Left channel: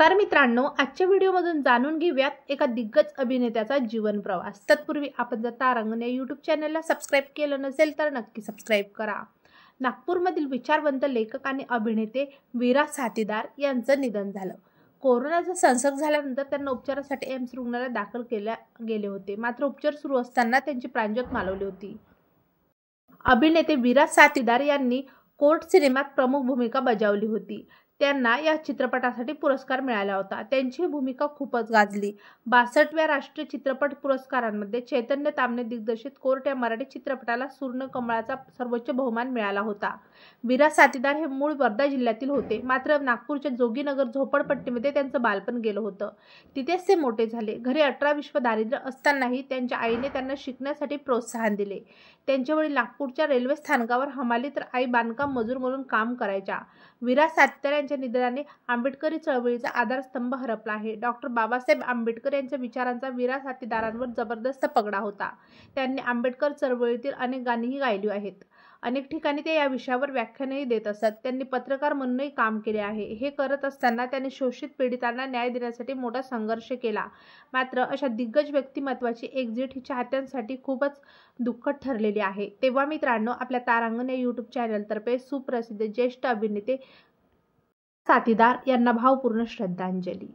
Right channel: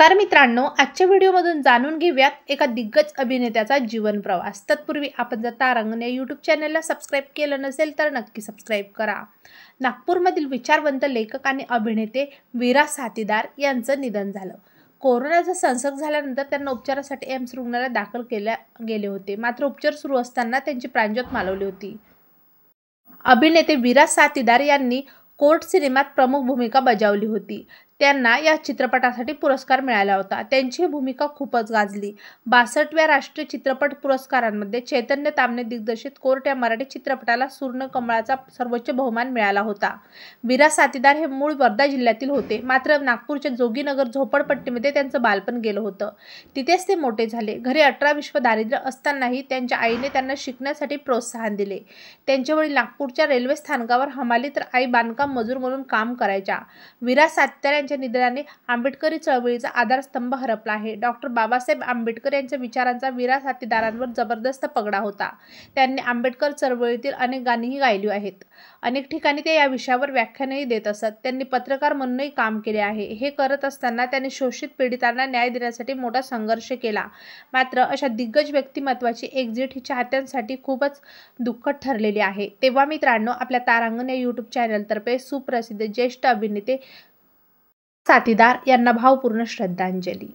नमस्कार मित्रांनो, आजच्या व्हिडिओमधून जाणून घेऊयात एका दिग्गज अभिनेत्याचा जीवन प्रवास। तत्पूर्वी आपण जर तारांगण या यूट्यूब चॅनलला सबस्क्राईब केलं नसेल तर नक्की सबस्क्राईब करा। नागपूरमधील विचारवंत लेखक आणि अभिनेते वीरा साथीदार यांचं निधन झालं। कोरोनाचा संसर्ग झाल्यानंतर त्यांना उपचारासाठी एम्स रुग्णालयात दाखल केले गेले होते, मात्र उपचार सुरू असताना त्यांची प्राणज्योत मालवली होती। अभिनेते वीरा साथीदार यांनी कोर्ट सिनेमात प्रमुख भूमिका बजावली होती। त्यांना या चित्रपटासाठी पुरस्कार मिळाला होता। त्यांची भूमिका खूपच गाजली। 62व्या राष्ट्रीय चित्रपट पुरस्कारांमध्ये चैतन्य ताम्हणे दिग्दर्शित कोर्ट या मराठी चित्रपटाला सुवर्ण कमळाचा सर्वोच्च बहुमान मिळाला होता। वीरा साथीदार हे मूळ वर्धा जिल्ह्यातील होते, मात्र नागपूरच्या जोगीनगर झोपडपट्टीमध्ये त्यांचं बालपण गेलं होतं। तिथेच ते मोठे झाले। घरी 18 विश्व दारिद्र्य असतानाही त्यांच्या आईने त्यांना शिकण्यासाठी प्रोत्साहन दिले। त्यांचे वडील नागपूरच्या रेल्वे स्थानकावर हमाली तर आई बांधकाम मजूर म्हणून काम करायच्या। वीरा साथीदार यांच्या निधनाने आंबेडकरी चळवळीचा आधारस्तंभ हरपला आहे। डॉक्टर बाबासाहेब आंबेडकर यांच्या विचारांचा वीरा साथीदारांवर जबरदस्त पगडा होता। त्यांनी आंबेडकर चळवळीतील अनेक गाणीही गायली आहेत। अनेक ठिकाणी ते या विषयावर व्याख्यानही देत असत। त्यांनी पत्रकार म्हणूनही काम केले आहे। हे करत असताना त्यांनी शोषित पीडितांना न्याय देण्यासाठी मोठा संघर्ष केला। मात्र अशा दिग्गज व्यक्तिमत्वाची एक्झिट ही चाहत्यांसाठी खूपच दुःखद ठरलेली आहे। तेव्हा मित्रांनो, आपल्या तारांगण या यूट्यूब चॅनलतर्फे सुप्रसिद्ध ज्येष्ठ अभिनेते साथीदार यांना भावपूर्ण श्रद्धांजली।